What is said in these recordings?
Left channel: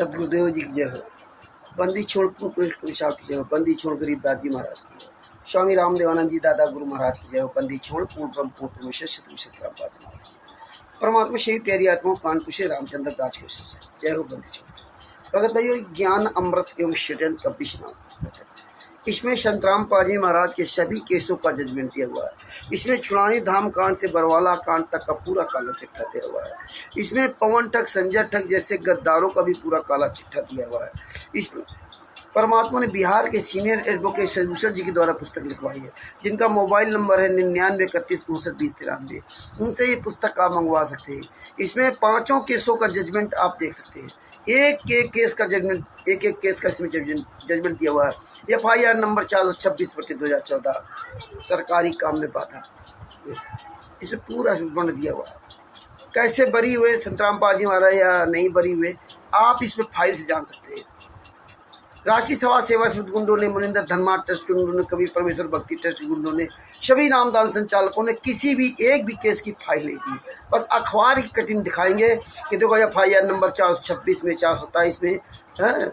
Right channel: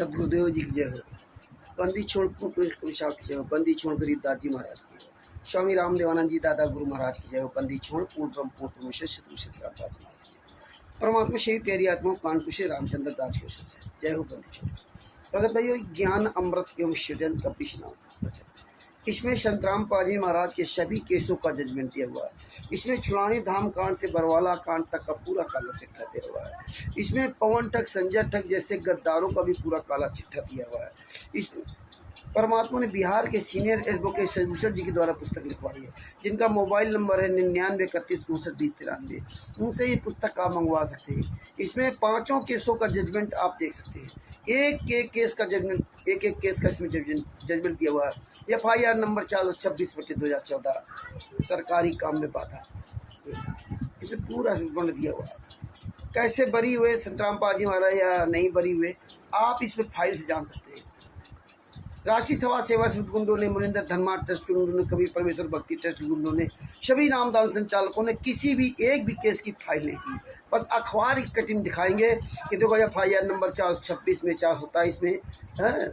सदगुरुदेव जी की जय हो। बंदी छोड़ पुलिस साहब की जय हो। बंदी छोड़ गरीबदास जी महाराज की। स्वामी रामदेवानंद जी दादा गुरु महाराज की जय हो। बंदी छोड़ पूर्ण ब्रह्म पूर्ण परमेश्वर शत्रु महाराज की। परमात्मा श्री प्यारी आत्मा कानपुर से रामचंद्र दास की जय हो। बंदी छोड़ भगत भाइयों, ज्ञान अमृत एवं षड्यंत्र का विष्णु पुस्तक है। इसमें संतराम पाजी महाराज के सभी केसों का जजमेंट दिया हुआ है। इसमें छुड़ानी धाम कांड से बरवाला कांड तक का पूरा काला चिट्ठा दिया हुआ है। इसमें पवन ठग, संजय ठग जैसे गद्दारों का भी पूरा काला चिट्ठा दिया हुआ है। इसमें परमात्मा ने बिहार के सीनियर एडवोकेट सदभूषण जी के द्वारा पुस्तक लिखवाई है, जिनका मोबाइल नंबर है 9931592093। उनसे ये पुस्तक आप मंगवा सकते हैं। इसमें पांचों केसों का जजमेंट आप देख सकते हैं। एक एक केस का जजमेंट, एक एक केस का इसमें जजमेंट दिया हुआ है। FIR नंबर 426/2014 सरकारी काम में बाधा, इसमें पूरा उन्होंने दिया हुआ है। कैसे बरी हुए संतराम पाजी महाराज या नहीं बरी हुए, आप इसमें फाइल से जान सकते हैं। राष्ट्रीय समाज सेवा समिति गुंडों ने, मुनिंदर धर्मार्थ ट्रस्ट के गुंडों ने, कबीर परमेश्वर भक्ति ट्रस्ट के गुंडों ने, सभी नामदान संचालकों ने किसी भी एक भी केस की फाइल नहीं दी। बस अखबार की कटिंग दिखाएंगे कि देखो FIR नंबर 426 में, 427 में है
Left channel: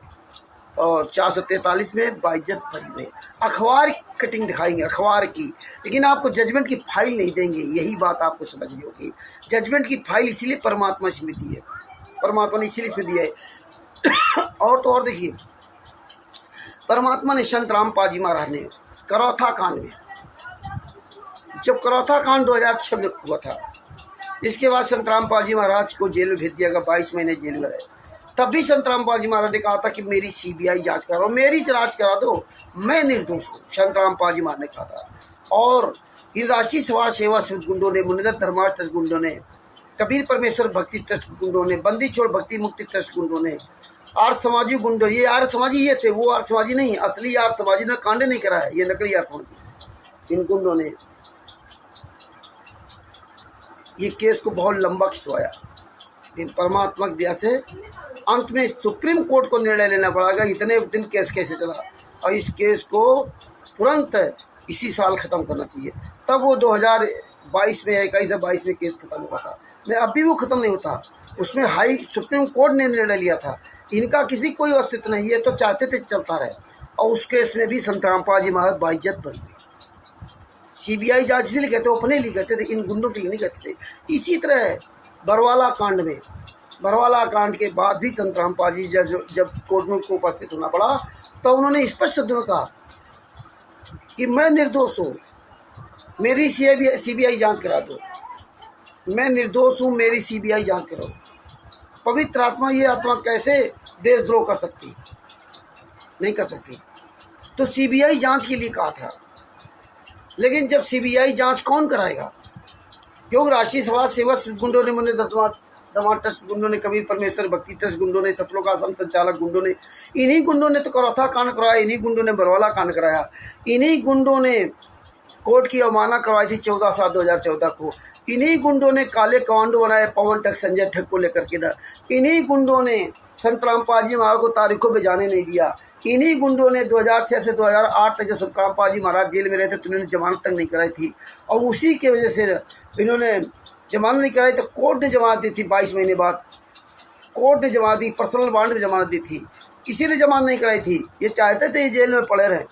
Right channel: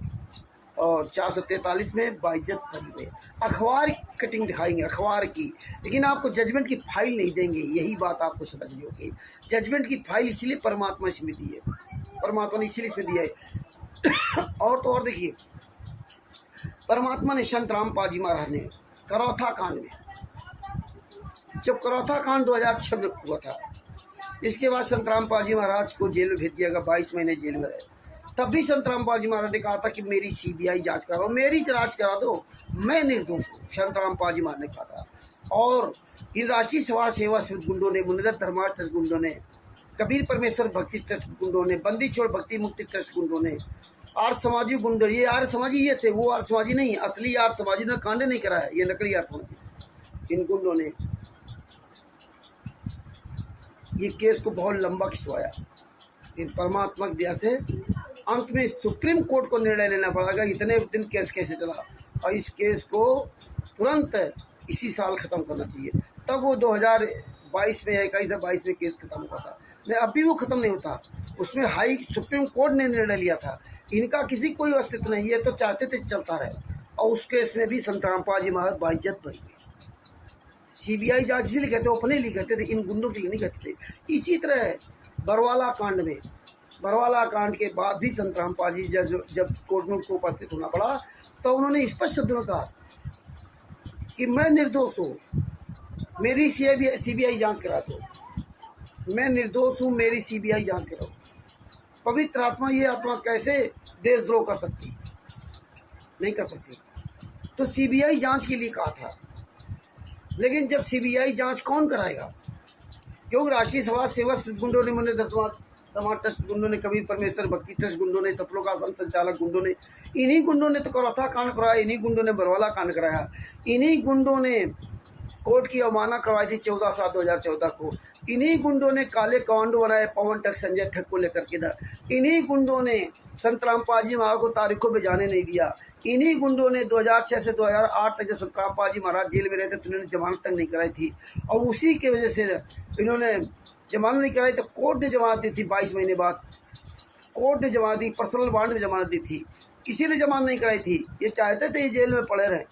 और 443 में बाइज्जत भरी हुई। अखबार की कटिंग दिखाएंगे, अखबार की, लेकिन आपको जजमेंट की फाइल नहीं देंगे। यही बात आपको समझनी होगी। जजमेंट की फाइल इसीलिए परमात्मा इसमें दी है, परमात्मा ने इसीलिए इसमें दिया है। और तो और देखिए, परमात्मा ने संत राम पाजी महाराज ने करौथा कांड में, जब करौथा कांड 2006 में हुआ था, इसके बाद संत राम पाजी महाराज को जेल में भेज दिया गया। 22 महीने जेल में रहे। तब भी संत राम पाजी महाराज ने कहा था कि मेरी CBI जांच कराओ, मेरी जांच करा दो, मैं निर्दोष हूँ। संत राम पाजी महाराज ने कहा था। और इन राष्ट्रीय समाज सेवा समिति गुंडों ने, मुनिंदर धर्मार्थ ट्रस्ट गुंडों ने, कबीर परमेश्वर भक्ति ट्रस्ट गुंडों ने, बंदी छोड़ भक्ति मुक्ति ट्रस्ट गुंडों ने, आर्य समाजी गुंडों, ये आर्य समाजी ये थे, वो आर्य समाजी नहीं, असली आर्य समाजी ने कांड नहीं करा है, ये नकली आर्य समाजी। इन गुंडों ने ये केस को बहुत लंबा खिंचवाया। इन परमात्मा की दया से अंत में सुप्रीम कोर्ट को निर्णय लेना पड़ेगा। इतने दिन केस कैसे चला, और इस केस को तुरंत इसी साल ख़त्म करना चाहिए। तब वो 2022 में, 21 या 22 में केस खत्म हुआ था। मैं अभी वो ख़त्म नहीं होता। उसमें सुप्रीम कोर्ट ने निर्णय लिया था। इनका किसी कोई अस्तित्व नहीं है, तो चाहते थे चलता रहे। और उस केस में भी संतराम पाजी महाराज बाइज्जत भरी हुई। CBI जांच इसलिए कहते, अपने लिए कहते थे, इन गुंडों के लिए नहीं कहते थे। इसी तरह बरवाला कांड में, बरवाला कांड के बाद भी संतराम पाजी जब कोर्ट में को उपस्थित होना पड़ा, तो उन्होंने स्पष्ट शब्दों में कहा कि मैं निर्दोष हूँ, मेरी CBI जांच करा दो, मैं निर्दोष हूँ, मेरी CBI जांच करो। पवित्र आत्मा, ये आत्मा कैसे देशद्रोह कर सकती, नहीं कर सकती। तो CBI जांच के लिए कहा था। लेकिन जब CBI जांच कौन कराएगा? क्योंकि राष्ट्रीय समाज सेवा गुंडों ने, मुनिंदर धर्मार्थ ट्रस्ट गुंडों ने, कबीर परमेश्वर भक्ति ट्रस्ट गुंडों ने, सफलों का आश्रम संचालक गुंडों ने, इन्हीं गुंडों ने तो करौथा कांड कराया, इन्हीं गुंडों ने बरवाला कांड कराया, इन्हीं गुंडों ने कोर्ट की अवमानना करवाई थी 14/7/2014 को। इन्हीं गुंडों ने काले कमांडो बनाए पवन ठग, संजय ठग को लेकर के। इन्हीं गुंडों ने संतराम पाजी महाराज को तारीखों पे जाने नहीं दिया। इन्हीं गुंडों ने 2006 से 2008 तक जब संतराम पाजी महाराज जेल में रहे थे, तो इन्होंने जमानत तक नहीं कराई थी। और उसी की वजह से इन्होंने जमानत नहीं कराई, तो कोर्ट ने जमानत दी थी। 22 महीने बाद कोर्ट ने जमानत दी, पर्सनल बॉन्ड में जमानत दी थी। किसी ने जमानत नहीं कराई थी। ये चाहते थे ये जेल में पड़े रहे,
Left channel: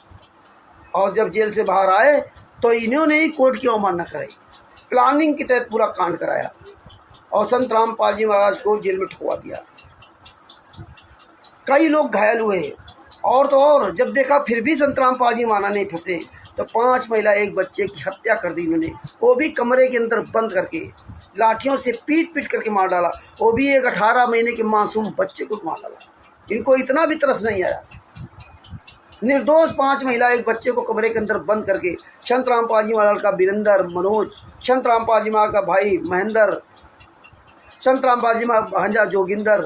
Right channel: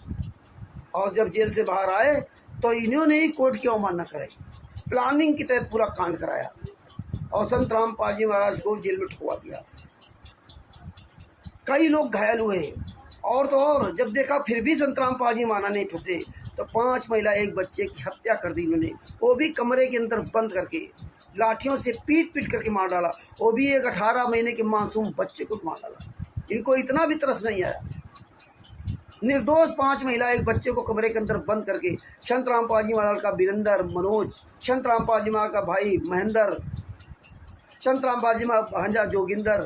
और जब जेल से बाहर आए तो इन्होंने ही कोर्ट की अवमानना कराई। प्लानिंग के तहत पूरा कांड कराया और संतराम पाजी महाराज को जेल में ठुकवा दिया। कई लोग घायल हुए। और तो और जब देखा फिर भी संतराम पाजी महाराज नहीं फंसे, तो 5 महिला 1 बच्चे की हत्या कर दी इन्होंने, वो भी कमरे के अंदर बंद करके, लाठियों से पीट पीट करके मार डाला। वो भी एक 18 महीने के मासूम बच्चे को मार डाला। इनको इतना भी तरस नहीं आया। निर्दोष 5 महिला 1 बच्चे को कमरे के अंदर बंद करके, संतराम पाजी महाराज का वीरेंद्र, मनोज, संतराम पाजी महाराज का भाई महेंद्र, संतराम पाजी महाराज भांजा जोगिंदर,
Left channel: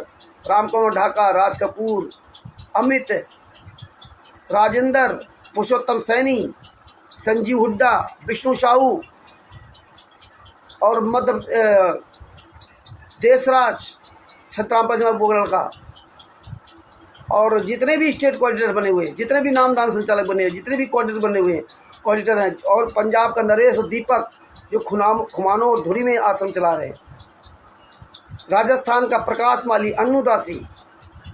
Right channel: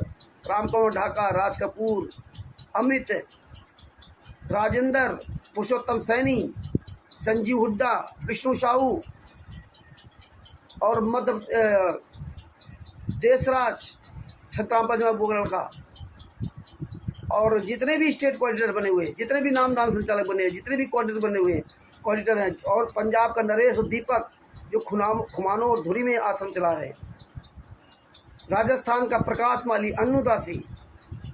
रामकुमार ढाका, राज कपूर, अमित, राजेंद्र, पुरुषोत्तम सैनी, संजीव हुड्डा, विष्णु साहू और मध्य देशराज, संतराम पाजी महाराज बोगल का, और जितने भी स्टेट कोऑर्डिनेटर बने हुए, जितने भी नामदान संचालक बने हुए, जितने भी कोऑर्डिनेटर बने हुए कोऑर्डिनेटर हैं, और पंजाब का नरेश और दीपक जो खुमानो और धुरी में आश्रम चला रहे, राजस्थान का प्रकाश माली, अन्नू दासी,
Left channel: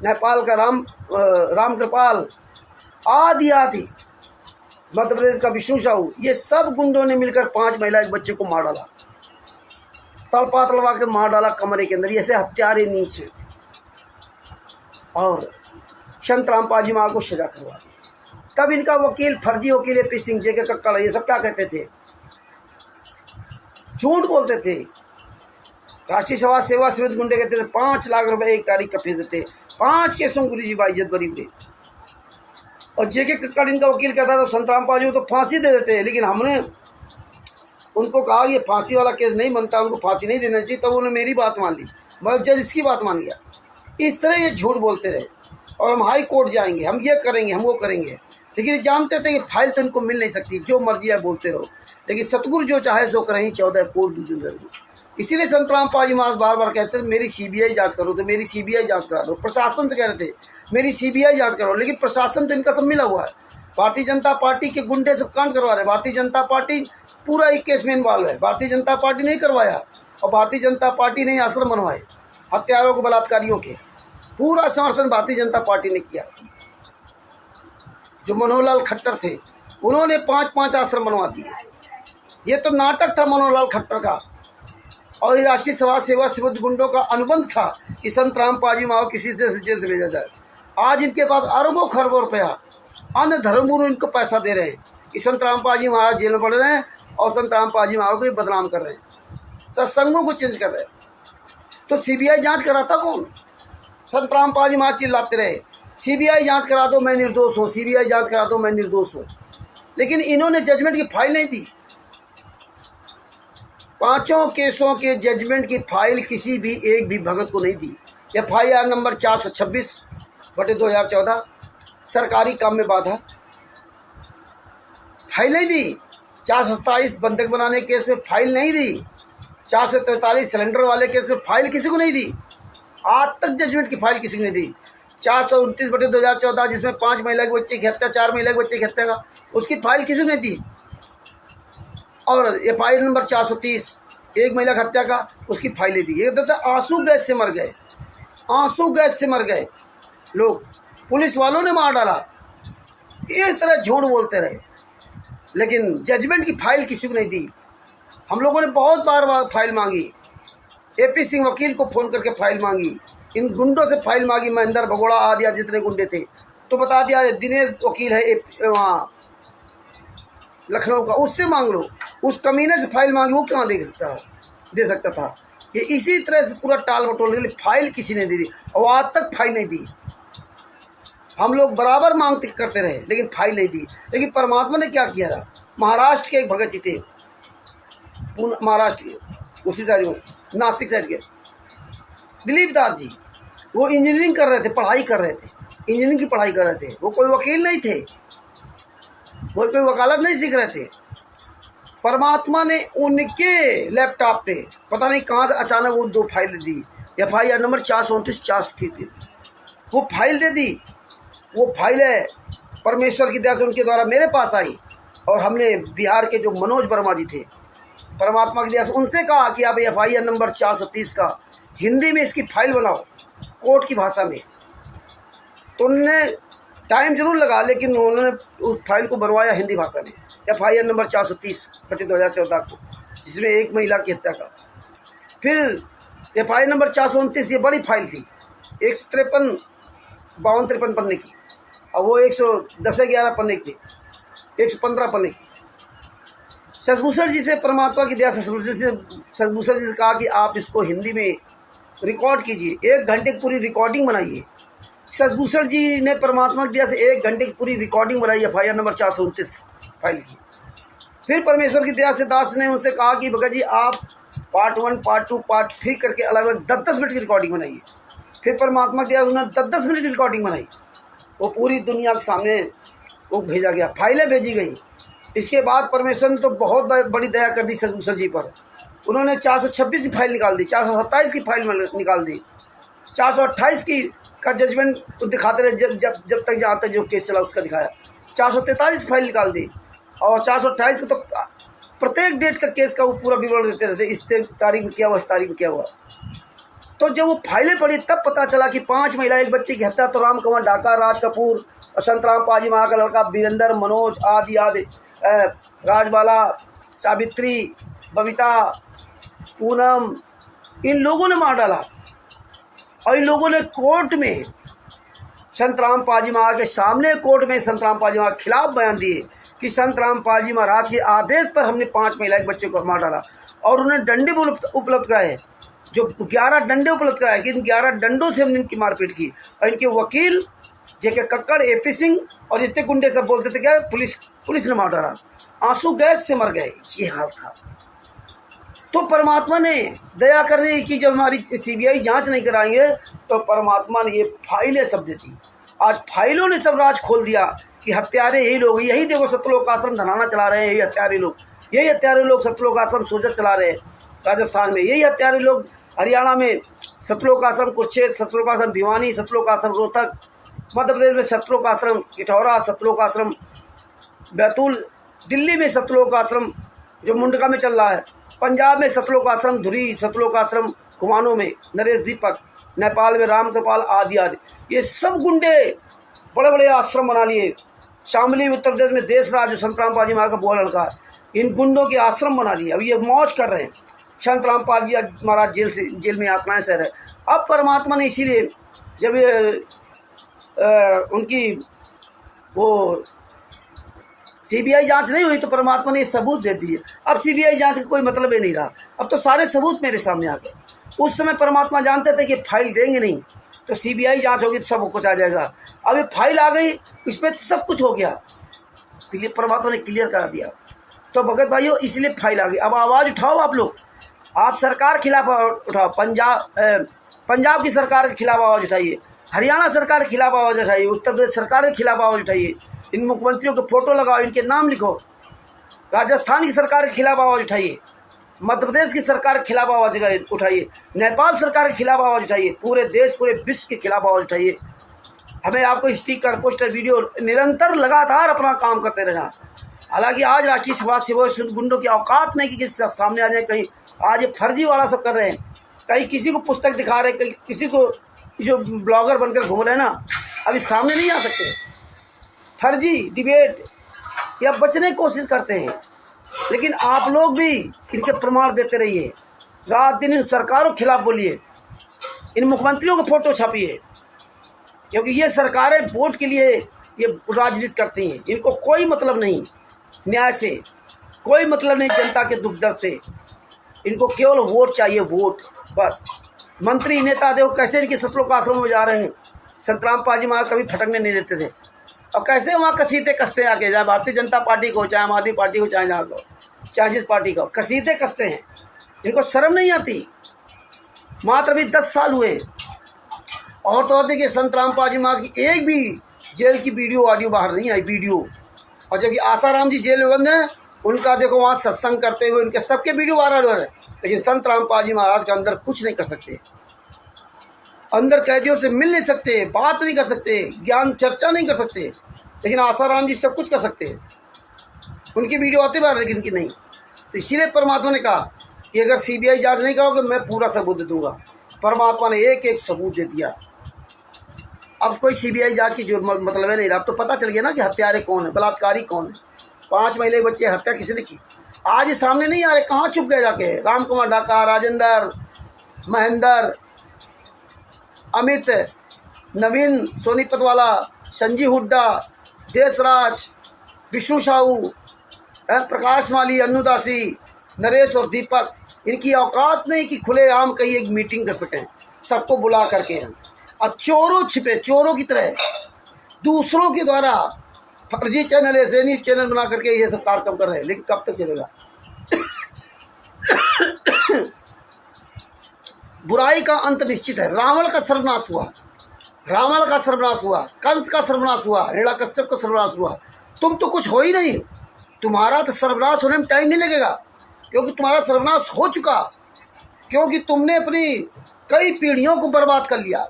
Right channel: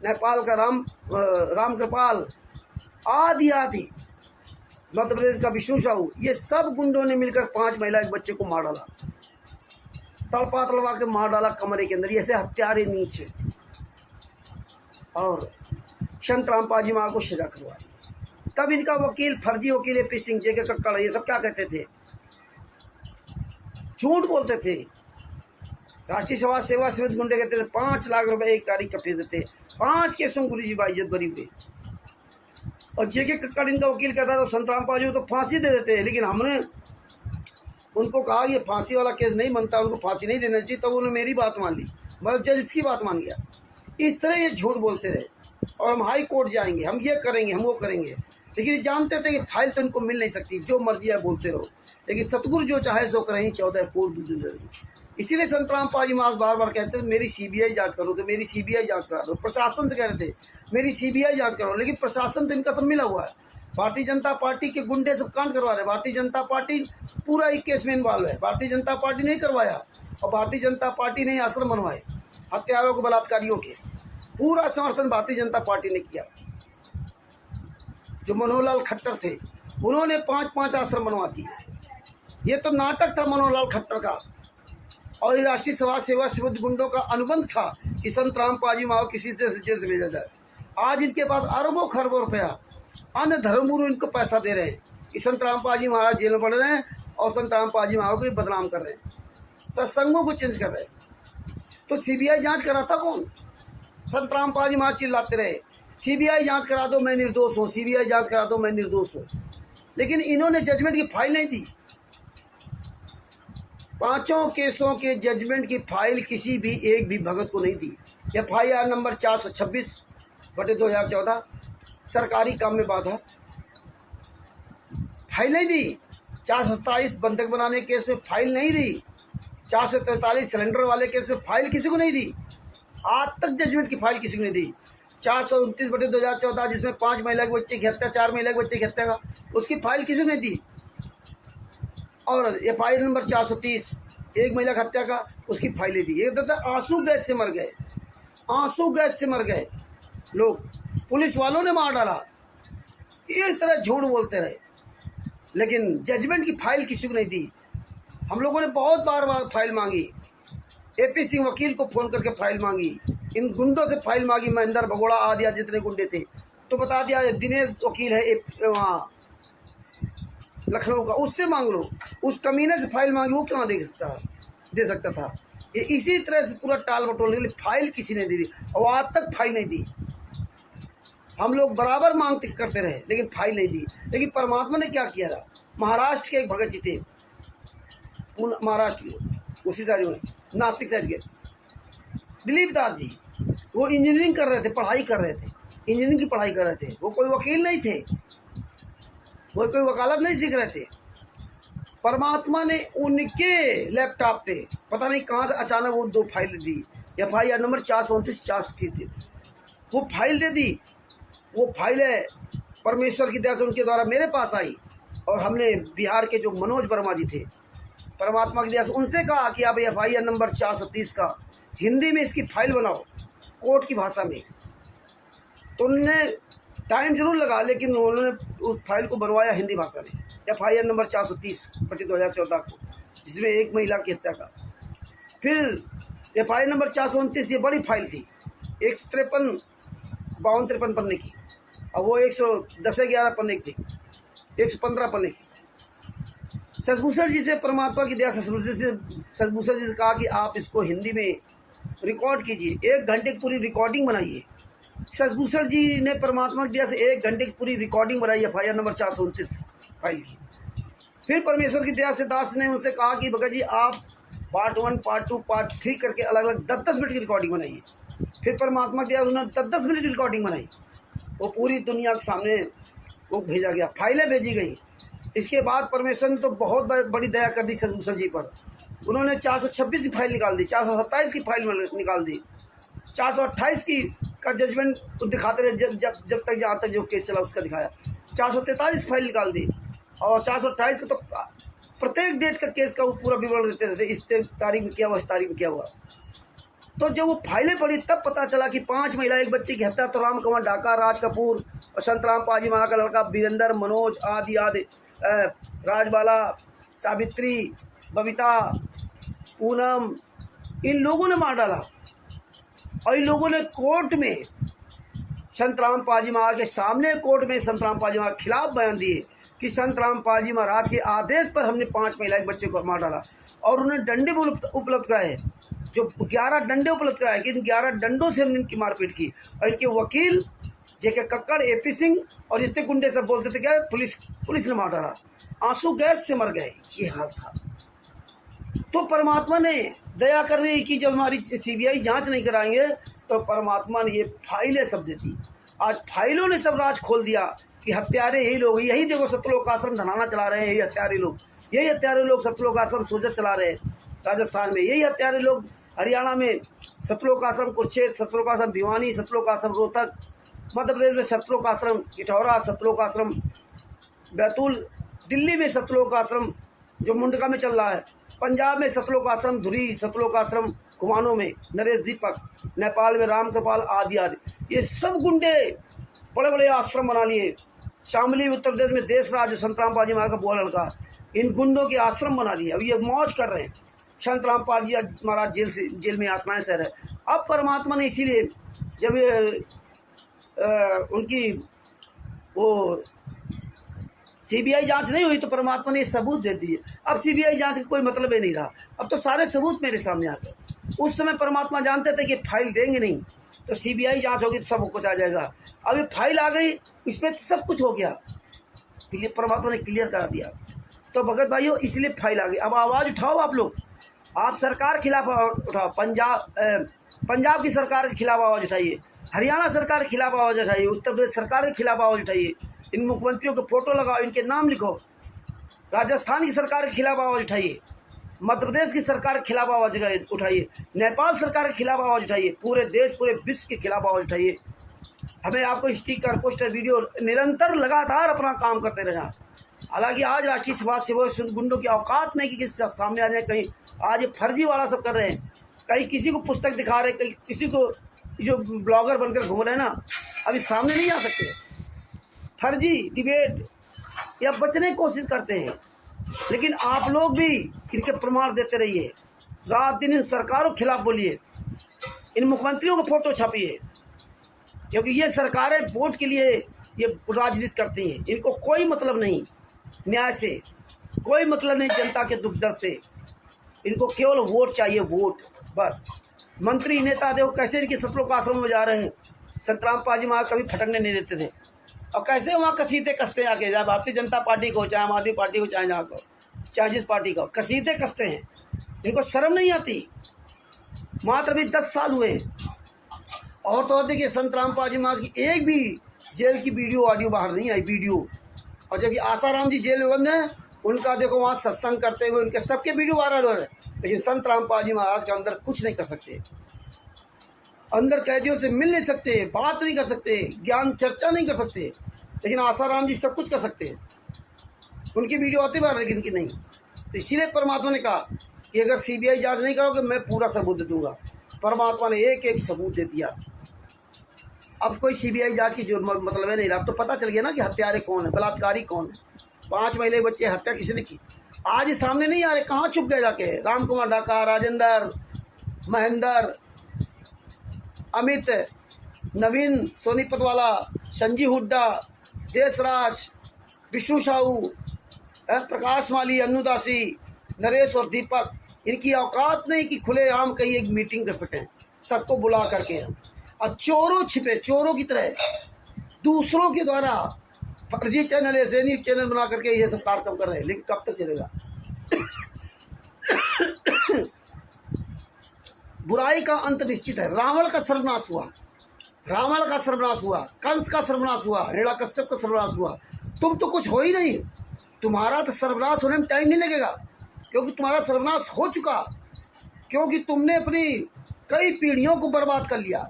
नेपाल का राम कृपाल, आदि आदि, मध्य प्रदेश का विष्णु साहू, ये सब गुंडों ने मिलकर 5 महिला एक बच्चे को मार डाला, तड़पा तड़वा के मार डाला कमरे के अंदर। ऐसे हत्यारे नीचे, और संतराम पाजीमाल को सजा करवा दी। तब इनका वकील, फर्जी वकील AP सिंह, JK कक्कड़, ये सब क्या कहते थे, झूठ बोलते थे। राष्ट्रीय समाज सेवा समिति गुंडे कहते थे 5 लाख रुपए एक तारीख का भेज देते, 5 केसों गुरु जी बाइज्जत बरी थे। और JK कक्कड़ इनका वकील कहता था संतराम पाजी तो फांसी दे देते, लेकिन हमने उनको कहा ये फांसी वाला केस नहीं बनता, उनको फांसी नहीं देना चाहिए, तो उन्होंने मेरी बात मान ली, मगर जज इसकी बात मान गया। इस तरह ये झूठ बोलते रहे, और हम हाई कोर्ट जाएंगे, हम ये करेंगे, हम वो करेंगे, लेकिन जानते थे कि फाइल तो इनको मिल नहीं सकती, जो मर्जी है बोलते रहो, लेकिन सतगुरु जो चाहे सो करें, 14 कोर्ट दूर। इसीलिए संतराम पाजीमाल बार बार कहते थे मेरी CBI जांच करो, तो मेरी CBI जांच करा दो। प्रशासन से कह रहे थे मेरी CBI जांच करो, लेकिन प्रशासन तो इनका सब मिला हुआ है। भारतीय जनता पार्टी के गुंडे सब कांड करवा रहे, भारतीय जनता पार्टी पूरा एक केस में इन्वॉल्व है। भारतीय जनता पार्टी नहीं करवाया, और भारतीय जनता पार्टी ने आश्रम बनवाए हत्यारों को, बलात्कारियों के, पूरा समर्थन भारतीय जनता पार्टी ने किया। जो मनोहर लाल खट्टर थे, उन्होंने 5-5 आश्रम बनवा दिए। ये तो नाटक था मनोहर लाल खट्टर का, और राष्ट्रीय समाज सेवा समिति गुंडों का अनुबंध था कि संतराम पाजीमाल किसी तरह से जेल से भेजा जाए। आज इनके पास अरबों खरबों रुपया, अन्य धर्मगुरु इनको पैसा दे रहे हैं कि संतराम पाजीमाल जेल में पड़ रहे हैं, और संतराम पाजीमाल को बदनाम कर रहे हैं, सत्संगों को चेंज कर रहे हैं। तो CBI जांच कराता कौन? संतराम पाजीमाल चिल्लाते रहे CBI जांच करा दो, मैं निर्दोष हूँ, CBI जांच करा दो, मैं निर्दोष हूँ, लेकिन इन्होंने जजमेंट की फाइल नहीं दी। 5 केसों के जजमेंट की फाइल किसी भी एक भी भगत को नहीं दी। FIR नंबर 426/2014, सरकारी काम में बाधा, फाइल नहीं दी। 427 बंधक बनाने केस में फाइल नहीं दी। 443 सिलेंडर वाले केस में फाइल किसी को नहीं दी। आज तक जजमेंट की फाइल किसी को नहीं दी। 429/2014 जिसमें 5 महिला के बच्चे की हत्या, 4 महिला के बच्चे की हत्या का, उसकी फाइल किसी को नहीं दी। और FIR नंबर 430 एक महिला की हत्या का, उसकी फाइलें दी। ये कहते आंसू गैस से मर गए, आंसू गैस से मर गए लोग, पुलिस वालों ने मार डाला। इस तरह झूठ बोलते रहे, लेकिन जजमेंट की फाइल किसी को नहीं दी। हम लोगों ने बहुत बार फाइल मांगी, AP सिंह वकील को फ़ोन करके फाइल मांगी, इन गुंडों से फाइल मांगी, महेंद्र भगोड़ा आदि जितने गुंडे थे, तो बता दिया दिनेश वकील है वहाँ लखनऊ का, उससे मांग लो। उस कमीने से फाइल मांगी, वो कहाँ दे सकता था। ये इसी तरह से पूरा टाल बटोल के लिए फाइल किसी ने दे दी, और आज तक फाइल नहीं दी। हम लोग बराबर मांग करते रहे, लेकिन फाइल नहीं दी। लेकिन परमात्मा ने क्या किया था, महाराष्ट्र के एक भगत जी थे, महाराष्ट्र के उसी साइड में, नासिक साइड के दिलीप दास जी, वो इंजीनियरिंग कर रहे थे, पढ़ाई कर रहे थे, इंजीनियरिंग की पढ़ाई कर रहे थे। वो कोई वकील नहीं थे, वो कोई वकालत नहीं सीख रहे थे। परमात्मा ने उनके लैपटॉप पे पता नहीं कहाँ से अचानक वो 2 फाइल दी। FIR नंबर 429/430 दी, वो फाइल दे दी। वो फाइल है परमेश्वर की दया से उनके द्वारा मेरे पास आई, और हमने बिहार के जो मनोज वर्मा जी थे, परमात्मा की दया से उनसे कहा कि आप FIR नंबर 430 का हिंदी में इसकी फाइल बनाओ, कोर्ट की भाषा में। तो उन्होंने टाइम जरूर लगा, लेकिन उन्होंने उस फाइल को बनवाया हिंदी भाषा में, FIR नंबर 430/2014 को, जिसमें एक महिला की हत्या का। फिर FIR नंबर 429, ये बड़ी फाइल थी, 153-52-53 पन्ने की, और वो 110-11 पन्ने की, 115 पन्ने की। शशभूषण जी से परमात्मा की दया से शशभूषण जी से कहा कि आप इसको हिंदी में रिकॉर्ड कीजिए, 1 घंटे की पूरी रिकॉर्डिंग बनाइए। शशभूषण जी ने परमात्मा की दया से 1 घंटे की पूरी रिकॉर्डिंग बनाई FIR नंबर 429 फाइल की। फिर परमेश्वर की दया से दास ने उनसे कहा कि भगत जी आप पार्ट 1, पार्ट 2, पार्ट 3 करके अलग अलग 10-10 मिनट की रिकॉर्डिंग बनाइए। फिर परमात्मा की दया से उन्होंने 10-10 मिनट की रिकॉर्डिंग बनाई, वो पूरी दुनिया के सामने वो भेजा गया, फाइलें भेजी गई। इसके बाद परमेश्वर ने तो बहुत बड़ी दया कर दी शशभूषण जी पर। उन्होंने 426 की फाइल निकाल दी, 427 की फाइल निकाल दी, 428 की का जजमेंट दिखाते रहे जब तक जहाँ तक जो केस चला उसका दिखाया। 443 फाइल निकाल दी, और 428 को तो प्रत्येक डेट का केस का वो पूरा विवरण देते रहते, इस तारीख में क्या हुआ, इस तारीख में क्या हुआ। तो जब वो फाइलें पड़ी तब पता चला कि 5 महिला, एक बच्चे की हत्या, तो राम कंवर डाका, राज कपूर, संतराम पाजी माँ का लड़का वीरेंद्र, मनोज आदि राजबाला, सावित्री, बबीता, पूनम, इन लोगों ने मार डाला। और इन लोगों ने कोर्ट में संतराम पाजी महाराज के सामने, कोर्ट में संतराम पाजी महाराज के खिलाफ बयान दिए कि संतराम पाजी महाराज के आदेश पर हमने 5 महिला के बच्चे को मार डाला। और उन्हें डंडे उपलब्ध कराए, जो 11 डंडे उपलब्ध कराए कि इन 11 डंडों से हमने इनकी मारपीट की। और इनके वकील जेके कक्कड़, एपी सिंह और इतने गुंडे सब बोलते थे क्या पुलिस ने मार डाला, आंसू गैस से मर गए, ये हाल था। तो परमात्मा ने दया कर रही कि जब हमारी सीबीआई जांच नहीं कराएंगे तो परमात्मा ने ये फाइलें सब देती। आज फाइलों ने सब राज खोल दिया कि हत्यारे यही लोग, यही देखो सतलोक आश्रम धनाना चला रहे हैं, यही हत्यारे लोग सतलोक आश्रम सोजत चला रहे हैं राजस्थान में, यही हत्यारे लोग हरियाणा में सतलोक आश्रम कुरुक्षेत्र, सतलोक आश्रम भिवानी, सतलोक आश्रम रोहतक, मध्य प्रदेश में सतलोक आश्रम इटौरा, सतलोक आश्रम बैतूल, दिल्ली में सतलोक आश्रम जो मुंडका में चल रहा है, पंजाब में सतलोक आश्रम धुरी, सतलोक आश्रम कुमाऊं में नरेश दीपक, नेपाल में राम कृपाल आदि आदि, ये सब गुंडे बड़े बड़े आश्रम बना लिए। शामली उत्तर प्रदेश में देशराज जो संतराम पाजी महाराज का बुआ लड़का, इन गुंडों के आश्रम बना लिए। अब ये मौज कर रहे हैं। संतराम पाजी महाराज जेल में यातनाएं सह रहे। अब परमात्मा ने इसीलिए जब ये उनकी वो सीबीआई जांच नहीं हुई तो परमात्मा ने सबूत दे दिए। अब सीबीआई जांच का कोई मतलब ही नहीं रहा, अब तो सारे सबूत मेरे सामने आ गए। उस समय परमात्मा जानते थे कि फाइल देंगे नहीं तो सीबीआई जांच होगी तो सब कुछ आ जाएगा। अब ये फाइल आ गई, इसमें तो सब कुछ हो गया, इसलिए परमात्मा ने क्लियर करा दिया। तो भगत भाइयों इसलिए फाइल आ गई। अब आवाज़ उठाओ आप लोग, आप सरकार खिलाफ उठाओ, पंजाब की सरकार के खिलाफ आवाज़ उठाइए, हरियाणा सरकार के खिलाफ आवाज़ उठाइए, उत्तर प्रदेश सरकार के खिलाफ आवाज़ उठाइए, इन मुख्यमंत्रियों के फोटो लगाओ, इनके नाम लिखो, राजस्थान की सरकार के खिलाफ आवाज़ उठाइए, मध्य प्रदेश की सरकार के खिलाफ आवाज़ उठाइए, नेपाल सरकार के खिलाफ आवाज़ उठाइए, पूरे देश पूरे विश्व के खिलाफ आवाज़ उठाइए। हमें आपको स्टिकर, पोस्टर, वीडियो निरंतर लगातार अपना काम करते रहना। हालांकि आज राष्ट्रीय समाज सेवक गुंडों की औकात नहीं कि किसी सामने आ जाए। कहीं आज ये फर्जी वाला सब कर रहे हैं, कहीं किसी को पुस्तक दिखा रहे, कहीं किसी को जो ब्लॉगर बनकर घूम रहे हैं ना, अभी सामने नहीं आ सकते। फर्जी डिबेट या बचने की कोशिश करते हैं, लेकिन आप लोग भी इनके प्रमाण देते रहिए, रात दिन इन सरकारों के खिलाफ बोलिए, इन मुख्यमंत्रियों के फोटो छापिए, क्योंकि ये सरकारें वोट के लिए ये राजनीति करती हैं। इनको कोई मतलब नहीं न्याय से, कोई मतलब नहीं जनता के दुख दर्द से, इनको केवल वोट चाहिए, वोट बस। मंत्री नेता देखो कैसे इनके सतलोक आश्रम में जा रहे हैं, संतराम पाजी महाराज कभी फटकने नहीं देते थे, और कैसे वहाँ कसीदे कसते हैं आके, चाहे भारतीय जनता पार्टी को, चाहे आम आदमी पार्टी को, चाहे जहाँ को, चाहे जिस पार्टी को, कसीदे कसते हैं। इनको शर्म नहीं आती। मात्र अभी 10 साल हुए और तो और देखिए संतराम पाजी महाराज की एक भी जेल की वीडियो ऑडियो बाहर नहीं आई, वीडियो। और जब आसाराम जी जेल में बंद हैं, उनका देखो वहाँ सत्संग करते हुए उनके सबके वीडियो वायरल हो रहे हैं, लेकिन संतराम पाजी महाराज के अंदर कुछ नहीं कर सकते, अंदर कैदियों से मिल नहीं सकते, बात नहीं कर सकते, ज्ञान चर्चा नहीं कर सकते, लेकिन आसाराम जी सब कुछ कर सकते हैं। उनकी वीडियो आते बाहर, लेकिन इनकी नहीं। तो इसीलिए परमात्मा ने कहा कि अगर सीबीआई जांच नहीं करोगे मैं पूरा सबूत दे दूंगा। परमात्मा ने एक एक सबूत दे दिया। अब कोई सीबीआई जांच की जो मतलब है नहीं रहा। अब तो पता चल गया ना कि हत्यारे कौन है, बलात्कारी कौन है। 5 महिला बच्चे हत्या किसी ने की, आज सामने नहीं आ रहे, कहाँ छुप गए जाके। राम कुमार डाका, राजेंद्र, महेंद्र, अमित, नवीन सोनीपत वाला, संजीव हुड्डा, देशराज, विष्णु साहू, प्रकाश माली, अन्नुदासी, नरेश और दीपक, इनकी औकात नहीं कि खुलेआम कहीं एक मीटिंग कर सकें सबको बुला करके। अब चोरों छिपे, चोरों की तरह दूसरों के द्वारा फर्जी चैनल, ऐसे नहीं चैनल बना करके ये सब कार्यक्रम कर रहे हैं, लेकिन कब तक चलेगा। बुराई का अंत निश्चित है। रावण का सर्वनाश हुआ, रावण का सर्वनाश हुआ, कंस का सर्वनाश हुआ, हिरण्यकश्यप का सर्वनाश हुआ। तुम तो कुछ हो ही नहीं, तुम्हारा तो सर्वनाश होने में टाइम नहीं लगेगा, क्योंकि तुम्हारा सर्वनाश हो चुका, क्योंकि तुमने अपनी कई पीढ़ियों को बर्बाद कर लिया।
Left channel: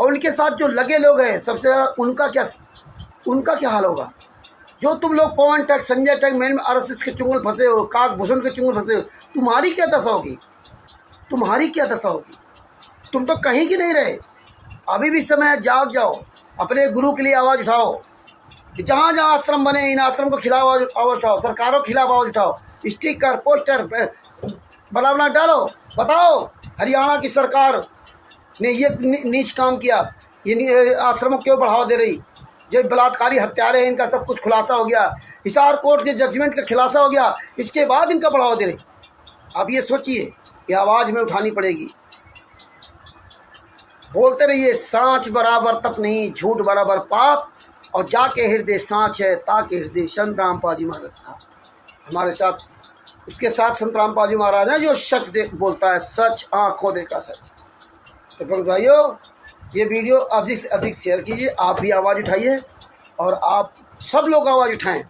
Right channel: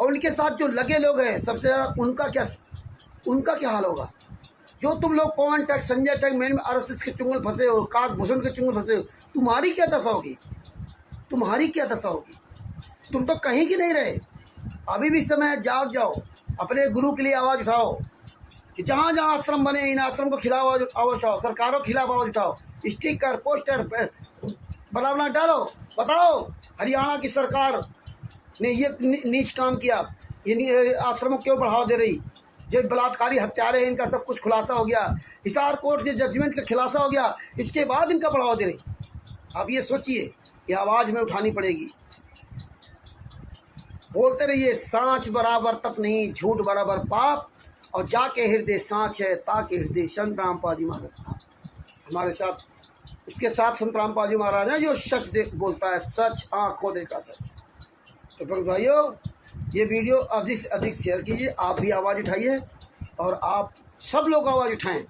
और उनके साथ जो लगे लोग हैं सबसे ज़्यादा उनका क्या हाल होगा। जो तुम लोग पवन टैक, संजय टैक, मैन RSS के चुंगल फंसे हो, काकभूषण के चुंगल फंसे हो, तुम्हारी क्या दशा होगी, तुम्हारी क्या दशा होगी। तुम तो कहीं की नहीं रहे। अभी भी समय है, जाग जाओ, अपने गुरु के लिए आवाज़ उठाओ। जहाँ जहाँ आश्रम बने इन आश्रम को खिलाफ आवाज़ उठाओ, सरकारों के खिलाफ आवाज़ उठाओ, स्टिकर पोस्टर बड़ा बड़ा डालो, बताओ हरियाणा की सरकार ने ये नीच काम किया, ये आश्रमों क्यों बढ़ावा दे रही, जो बलात्कारी हत्यारे हैं इनका सब कुछ खुलासा हो गया, हिसार कोर्ट के जजमेंट का खुलासा हो गया, इसके बाद इनका बढ़ावा दे रही। आप ये सोचिए, ये आवाज़ में उठानी पड़ेगी। बोलते रहिए सांच बराबर तप नहीं, झूठ बराबर पाप, और जाके हृदय सांच है ताके हृदय। संत रामपाल जी महाराज था हमारे साथ, उसके साथ संत रामपाल जी महाराज हैं जो सच बोलता है, सच आँखों देखा सच। तो भक्त भाइयों, ये वीडियो अधिक से अधिक शेयर कीजिए, आप भी आवाज़ उठाइए और आप सब लोग आवाज़ उठाएं।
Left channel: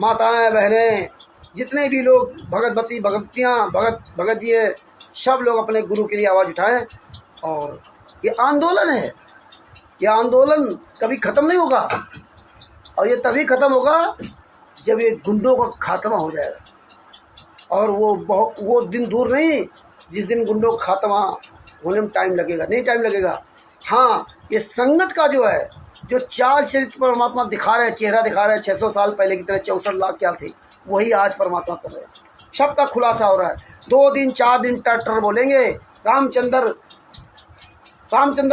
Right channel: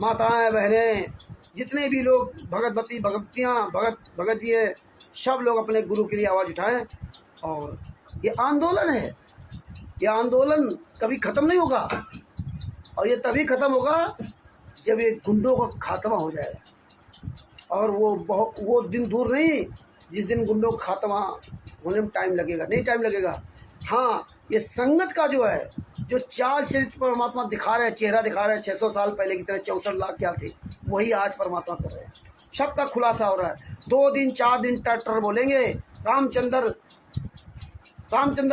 माताएं बहनें जितने भी लोग भगतवती भगवतियाँ भगत जी है, सब लोग अपने गुरु के लिए आवाज़ उठाएं। और ये आंदोलन है, ये आंदोलन कभी ख़त्म नहीं होगा, और ये तभी ख़त्म होगा जब ये गुंडों का खात्मा हो जाएगा। और वो दिन दूर नहीं जिस दिन गुंडों का खात्मा होने में टाइम लगेगा, नहीं टाइम लगेगा। हाँ, ये संगत का जो है, जो चाल चरित्र परमात्मा दिखा रहे हैं, चेहरा दिखा रहे हैं 600 साल पहले की तरह 64 लाख क्या थे, वही आज परमात्मा कर रहे हैं। सबका खुलासा हो रहा है। 2 दिन 4 दिन टर बोलेंगे। रामचंद्र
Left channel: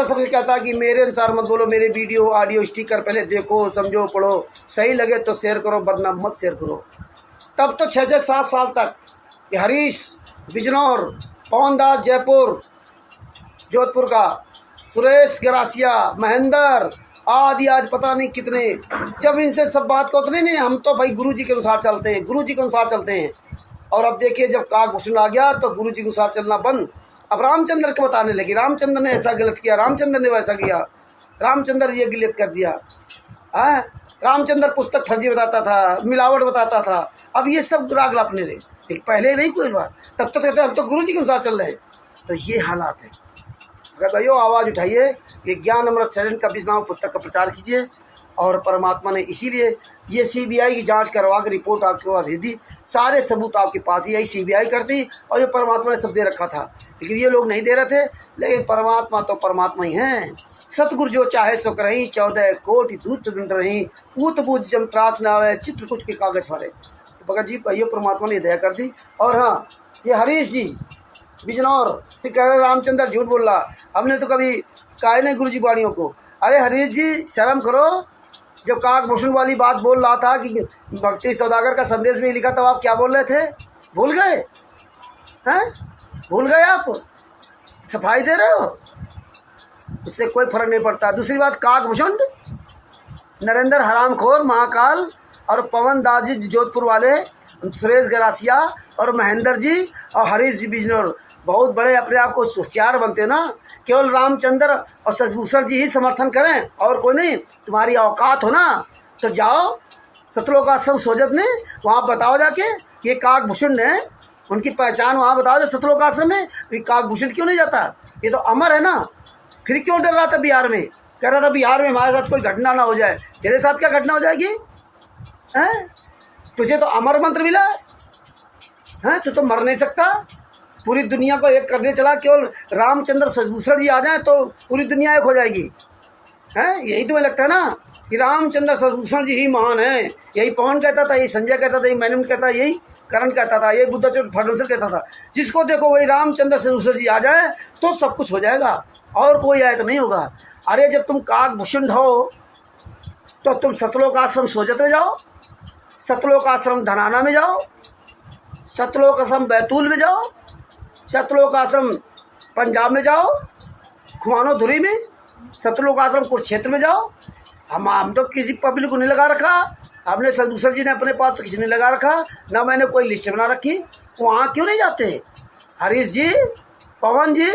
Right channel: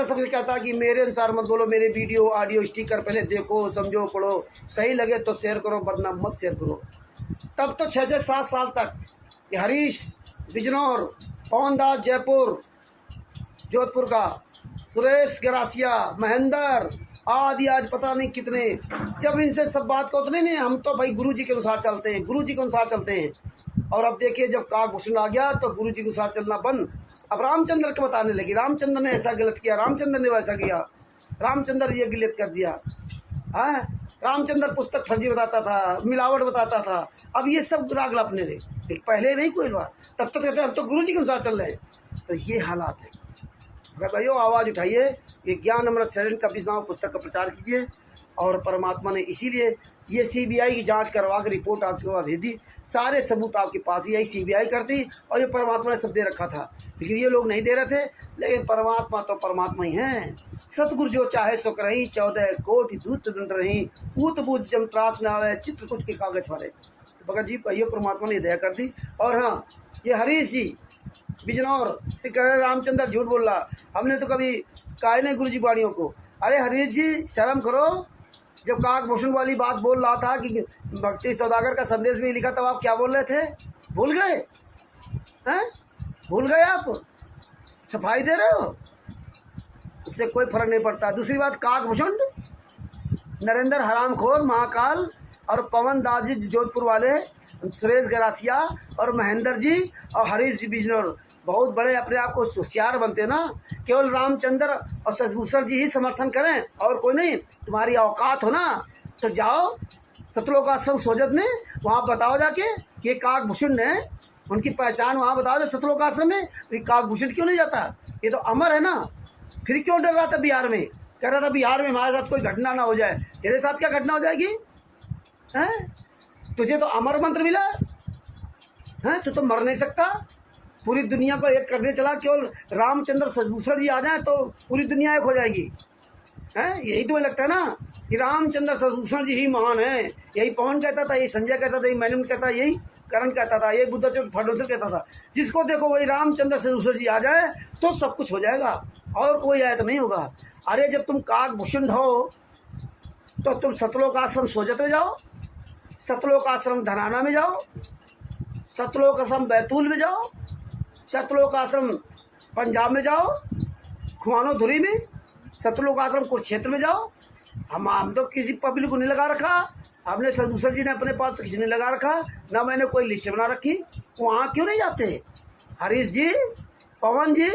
सबसे कहता है कि मेरे अनुसार मत बोलो, मेरे वीडियो ऑडियो स्टिकर पहले देखो, समझो, पढ़ो, सही लगे तो शेयर करो, वरना मत शेयर करो। तब तो 6 से 7 साल तक ये हरीश बिजनौर, पवन दास जयपुर जोधपुर का, सुरेश गरासिया, महेंद्र आदि, आज पता नहीं कितने, जब इनसे सब बात को तो नहीं, हम तो भाई गुरु जी के अनुसार चलते हैं, गुरु जी के अनुसार चलते हैं। और अब देखिए जब काकभूषण आ गया तो गुरु जी के अनुसार चलना बंद। अब रामचंद्र को बताने लगी, रामचंद्र ने ऐसा गलत किया, रामचंद्र ने वैसा किया, रामचंद्र ये गिलत कर दिया। रामचंद्र पुस्तक फर्जी बताता था, मिलावट बताता था। अब ये सब राग लापने लगे, पहले नहीं कोई बात, तब तो कहते हम तो गुरु जी के अनुसार चल रहे हैं। तो ये हालात है। अगर भाइयों आवाज़ उठाइए, ये ज्ञान अमृत शरण का 20 नाम पुस्तक का प्रचार कीजिए। और परमात्मा ने इसीलिए ये CBI की जांच करवा कर रिपोर्ट आपके पास भेज दी, सारे सबूत आपके पास ही आई, CBI करती, और ये परमात्मा ने सब दे रखा था, लेकिन ये लोग नहीं दे रहे थे। लेकिन परमात्मा तो परमात्मा ही हैं। सतगुरु जो चाहे सो करही, 14 कोटि दूत ढूंढ रही, ऊत बूझ जम त्रास न आवे, चित्रकूट के कागज वाले। तो भगत जी भाइयों परमात्मा ने दया कर दी। और हाँ, ये हरीश जी बिजनौर फिर कह रहे रामचंद्र झूठ बोल रहा, हमने तो कभी कहा नहीं गुरु जी वाणियों को। अरे हरीश जी शर्म करो, जब काकभूषण वाली बात बोल रहा था कि भक्ति सौदागर का संदेश में लिखा, तब आप क्या बोल रहे थे? भूल गए हैं? भूल गए आप? सफाई दे रहे हो, उससे कोई फर्क नहीं पड़ता। दूसरी बात, काकभूषण, नरेंद्र हरामखोर, महाकाल और पवन दास जी जोधपुर वाले, सुरेश गरासिया और महेंद्र जी और हरीश जी बिजनौर बहुत बड़े अपने आप को होशियार बनते हो ना। केवल रामचंद्र और शशिभूषण जी ही समर्थन करें और कोई नहीं। तुम्हारी औकात हो ना तो जाओ सतलोक आश्रम सोजत में, वहाँ बताओ जाके ये काकभूषण ने, उनकी पहचान वहाँ बताओ जो सतलोक आश्रम में। ये काकभूषण क्यों नहीं जाता? ये तो अमर है ना। फिर क्यों डर रहा था बिहार में? कह रहा था बिहार में हमारे साथ कोई घटना ना हो जाए। तेरे साथ क्या घटना हो जाएगी? हैं? तुझे तो अमर मंत्र मिला है, तू तो मर नहीं सकता। पूरी दुनिया को एक करने चला, केवल रामचंद्र शशिभूषण जी आ जाए तो पूरी दुनिया एक हो जाएगी। हैं? यही तुम्हें लगता है ना कि रामचंद्र शशिभूषण जी ही महान है। यही पवन कहता था, यही संजय कहता था, यही मैनन कहता, यही करण कहता था, यही बुद्धचोट फडणवीस कहता था। जिसको देखो वही रामचंद्र शशिभूषण जी आ जाए तो सब कुछ हो जाएगा, और कोई आए तो नहीं होगा। अरे जब तुम काकभूषण हो तो तुम सतलोक आश्रम सोजत में जाओ, सतलोक आश्रम धनाना में जाओ, सतलोक आश्रम बैतूल में जाओ, सतलोक आश्रम पंजाब में जाओ, खुमानो धुरी में, सतलोक आश्रम कुरुक्षेत्र में जाओ। हम तो किसी पब्लिक को नहीं लगा रखा, हमने शशिभूषण जी ने अपने पास तो किसी ने लगा रखा ना, मैंने कोई लिस्ट बना रखी। वहाँ क्यों नहीं जाते? हरीश जी, पवन जी,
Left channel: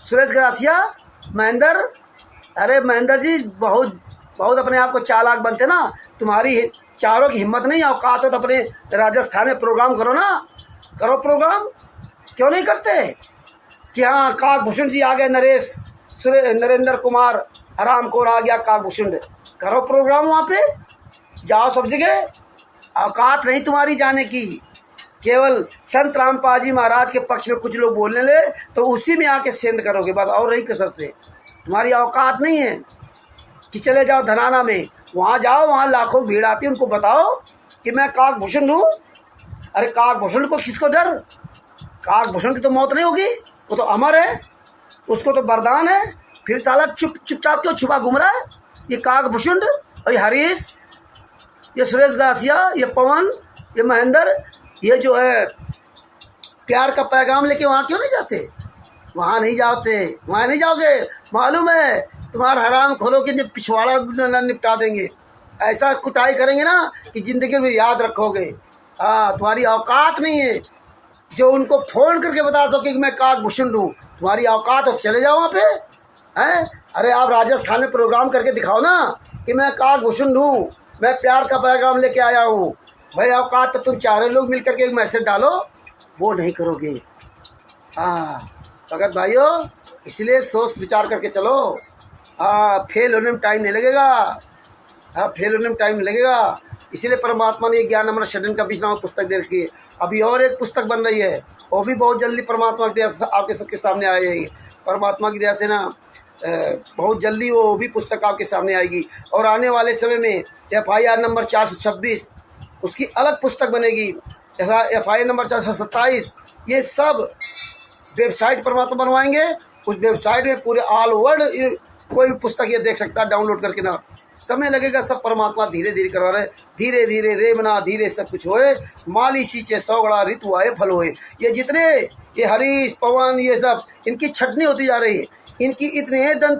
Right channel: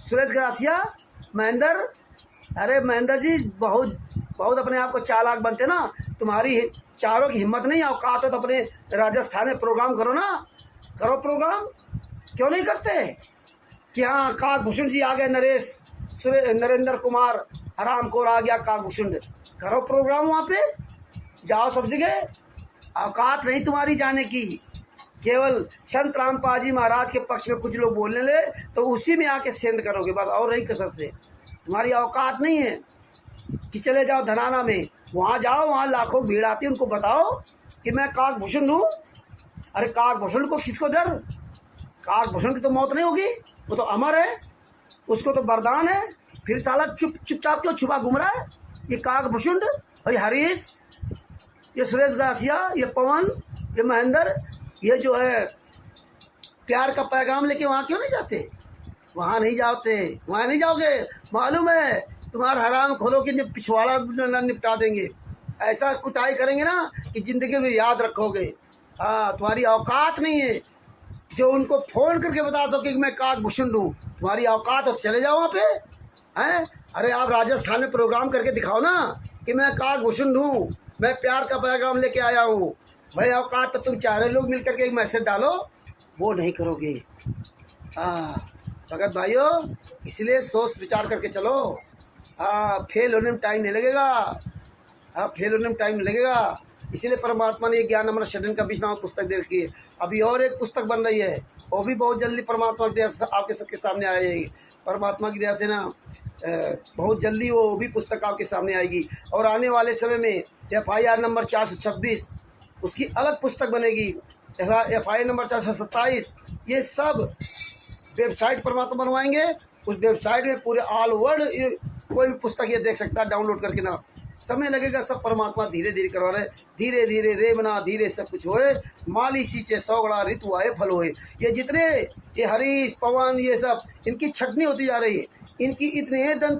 सुरेश गरासिया, महेंद्र, अरे महेंद्र जी बहुत अपने आप को चालाक बनते ना। तुम्हारी चारों की हिम्मत नहीं, औकात हो तो अपने राजस्थान में प्रोग्राम करो ना, करो प्रोग्राम। क्यों नहीं करते कि हाँ काकभूषण जी आ गए, नरेंद्र कुमार हरामखोर आ गया काकभूषण, करो प्रोग्राम, वहाँ पे जाओ सब जगह। औकात नहीं तुम्हारी जाने की, केवल संत रामपाल जी महाराज के पक्ष में कुछ लोग बोलने ले तो उसी में आके सेंध करोगे, बस और रही कसरते। तुम्हारी औकात नहीं है कि चले जाओ धनाना में, वहाँ जाओ, वहाँ लाखों भीड़ आती है, उनको बताओ कि मैं काकभूषण हूँ। अरे काकभूषण को किसको डर? काकभूषण की तो मौत नहीं होगी, वो तो अमर है, उसको तो वरदान है। फिर साला चुपचाप क्यों छुपा घूम रहा है? ये काकभूषण, ये हरीश, ये सुरेश ग्रासिया, ये पवन, ये महेंद्र, ये जो है प्यार का पैगाम लेके वहाँ क्यों नहीं जाते? वहाँ नहीं जाते, वहाँ नहीं जाओगे, मालूम है तुम्हारा हराम खोलो कि पिछवाड़ा निपटा देंगे। ऐसा कुटाई करेंगे ना कि ज़िंदगी में याद रखोगे। हाँ, तुम्हारी औकात नहीं है जो उनको फ़ोन करके बता सके कि मैं काकभूषण हूँ। तुम्हारी औकात हो चले जाओ वहाँ पे हैं। अरे आप राजस्थान में प्रोग्राम करके दिखाओ ना कि मैं काकभूषण हूँ, मैं प्यार का पैगाम लेके आया हूँ। भाई औकात तो तुम चारों लोग मिल करके एक मैसेज डालो, वो नहीं करोगे। हाँ भगत भाइयों, इसलिए सोच विचार करके चलो। हाँ, फेल होने में टाइम नहीं लगेगा। हाँ, फेल होने में टाइम नहीं लगेगा। इसीलिए परमात्मा ने ज्ञान अमृत षडन का 20 नाम पुस्तक दे रखी है। अभी और एक पुस्तक बन रही है, वो भी बहुत जल्दी परमात्मा की दया से आपके सबके सामने आ जाएगी। परमात्मा की दया से ना बहुत जल्दी वो भी पुस्तक आपके सामने आएगी। और आने वाले समय में FIR नंबर 426 उसकी अलग पुस्तक बनेगी, FIR नंबर 427। ये सब वेबसाइट परमात्मा बनवाएंगे। उस वेबसाइट में पूरे ऑल वर्ल्ड कोई भी पुस्तक ये देख सकता है डाउनलोड करके ना। समय लगेगा, सब परमात्मा धीरे धीरे करवा रहे। धीरे धीरे रेमना धीरे सब कुछ होए, माली सींचे सौगड़ा ऋतु आए फल होए। ये जितने ये हरीश पवन ये सब इनकी छटनी होती जा रही है। इनकी इतने दिन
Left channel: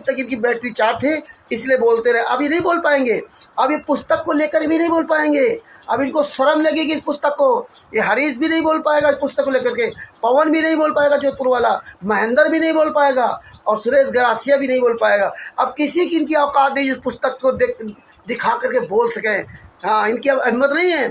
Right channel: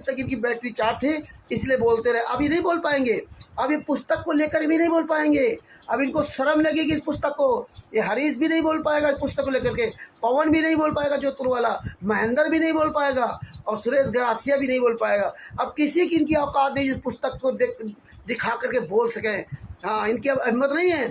तक इनकी बैटरी चार्ज थी, इसलिए बोलते रहे। अभी नहीं बोल पाएंगे, अभी पुस्तक को लेकर भी नहीं बोल पाएंगे। अब इनको शर्म लगेगी इस पुस्तक को। ये हरीश भी नहीं बोल पाएगा इस पुस्तक को लेकर के, पवन भी नहीं बोल पाएगा जोधपुर वाला, महेंद्र भी नहीं बोल पाएगा और सुरेश ग्रासिया भी नहीं बोल पाएगा। अब किसी की इनकी औकात नहीं इस पुस्तक को दिखा करके बोल सकें। हाँ, इनकी अब हिम्मत नहीं है।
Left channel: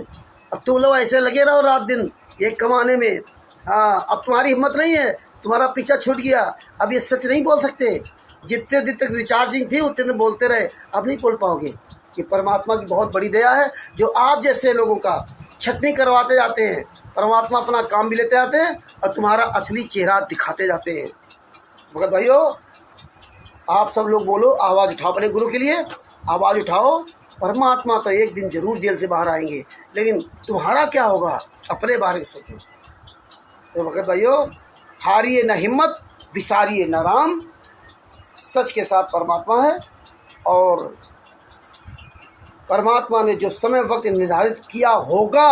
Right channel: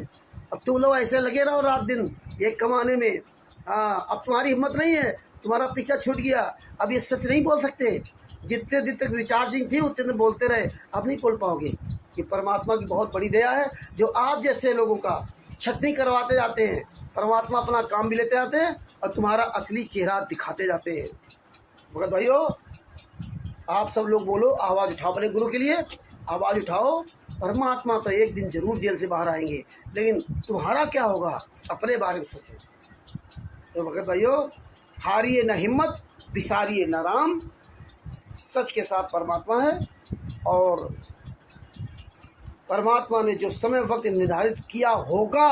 अब तुम लोग ऐसे लगे रहो रात दिन एक कमाने में। हाँ, अब तुम्हारी हिम्मत नहीं है, तुम्हारा पीछा छूट गया। अब ये सच नहीं बोल सकते। जितने दिन तक रिचार्जिंग थी उतने दिन बोलते रहे, अब नहीं बोल पाओगे। कि परमात्मा की बहुत बड़ी दया है जो आप जैसे लोगों का छटनी करवाते जाते हैं। परमात्मा अपना काम भी लेते जाते हैं और तुम्हारा असली चेहरा दिखाते जाते हैं। मगर भाइयों, आप सब लोग बोलो, आवाज़ उठाओ अपने गुरु के लिए, आवाज़ उठाओ। परमात्मा तो एक दिन जरूर जेल से बाहर आएंगे, लेकिन तुम्हारा क्या होगा अपने बारे में सोचो। तो मगर भाइयों, हारिए न हिम्मत, बिसारिए न राम। सच के साथ परमात्मा है और परमात्मा ने जो समय वक्त निर्धारित किया होगा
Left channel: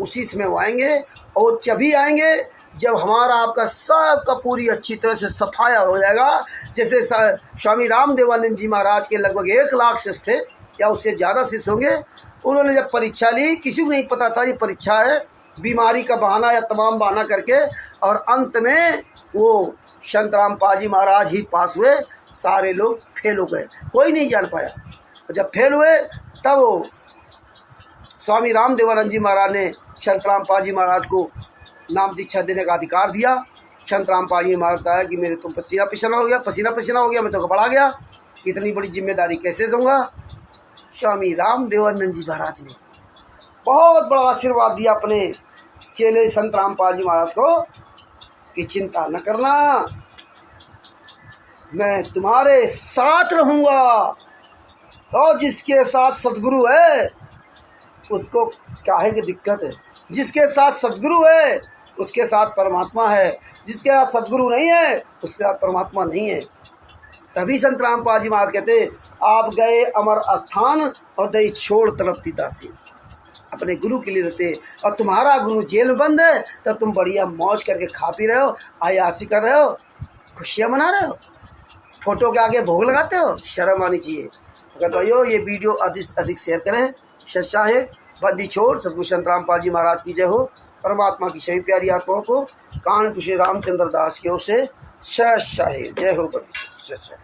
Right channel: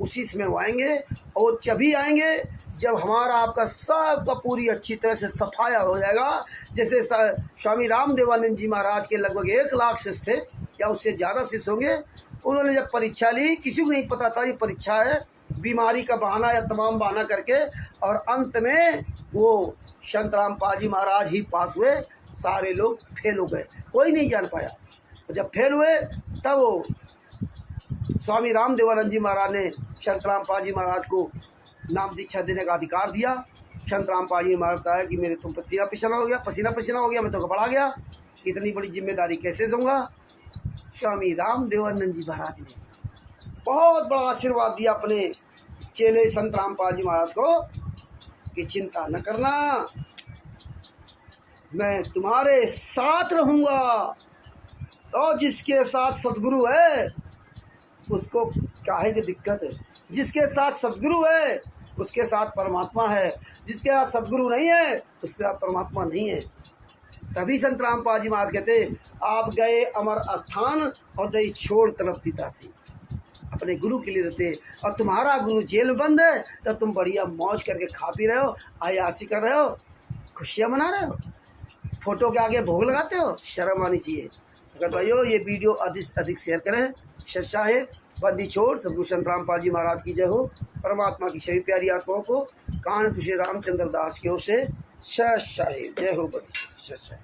उसी समय वो आएंगे। और जभी आएंगे जब हमारा आपका सबका पूरी अच्छी तरह से सफाया हो जाएगा। जैसे स्वामी रामदेवानंद जी महाराज के लगभग 1 लाख शिष्य थे या उससे ज़्यादा शिष्य होंगे। उन्होंने जब परीक्षा ली, किसी को नहीं पता था ये परीक्षा है, बीमारी का बहाना या तमाम बहाना करके, और अंत में वो संत रामपाल जी महाराज ही पास हुए। सारे लोग फेल हो गए, कोई नहीं जान पाया। जब फेल हुए तब वो स्वामी रामदेवानंद जी महाराज ने संत रामपाल जी महाराज को नाम दीक्षा देने का अधिकार दिया। संत रामपाल जी महाराज बताया कि मेरे तुम पसीना पसीना हो गया, मैं तो घबरा गया, इतनी बड़ी जिम्मेदारी कैसे दूंगा। स्वामी रामदेवानंद जी महाराज ने बहुत बड़ा आशीर्वाद दिया अपने चेले संत रामपाल जी महाराज को कि चिंता न करना, मैं तुम्हारे साथ रहूँगा। और जिसके साथ सदगुरु है उसको काहे की दिक्कत है। जिसके साथ सदगुरु है उसके साथ परमात्मा है, जिसके साथ सदगुरु नहीं है उसके साथ परमात्मा नहीं है। तभी संत रामपाल जी महाराज कहते, आप गए अमर स्थान और दई छोड़ तड़पती दासी। अपने गुरु के लिए रहते, और तुम्हारा गुरु जेल में बंद है तो तुम बढ़िया मौज करके खा पी रहे हो, आयासी कर रहे हो, खुशियाँ मना रहे हो, फोटो के आगे भोग लगाते हो। शर्म आनी चाहिए। अगर भाइयों, ये वीडियो अधिक से अधिक शेयर करें। सच्चा है बंदी छोड़ सदगुरु संत रामपाल जी महाराज की जय हो। परमात्मा की सभी प्यारी आत्माओं को कानपुर श्री रामचंद्र दास की ओर से सच्चा है जय हो। बंदी सच्चा।